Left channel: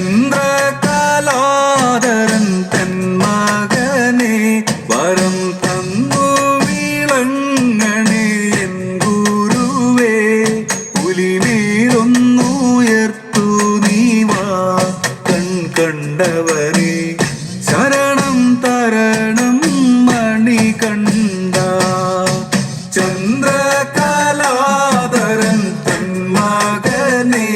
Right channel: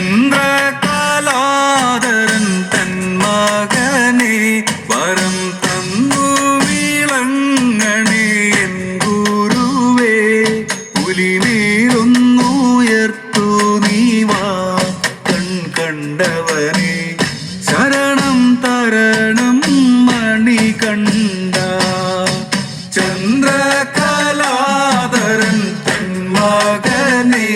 ചന്ദ്രകാലോദരൻ തൻ മകനെ വരം തന്നു വിളങ്ങണേ എൻ ഗുരുവേ. പുലിമേലൊന്നുയർത്തു നീവാ കൺ കണ്ടവനെ. ശരണം തരണം മണി കണ്ട. ചന്ദ്രകാലോദരൻ തൻ മകനെ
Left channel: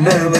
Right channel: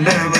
പുലിമേലൊന്നുയർത്തു നീവാ കൺ കണ്ടവ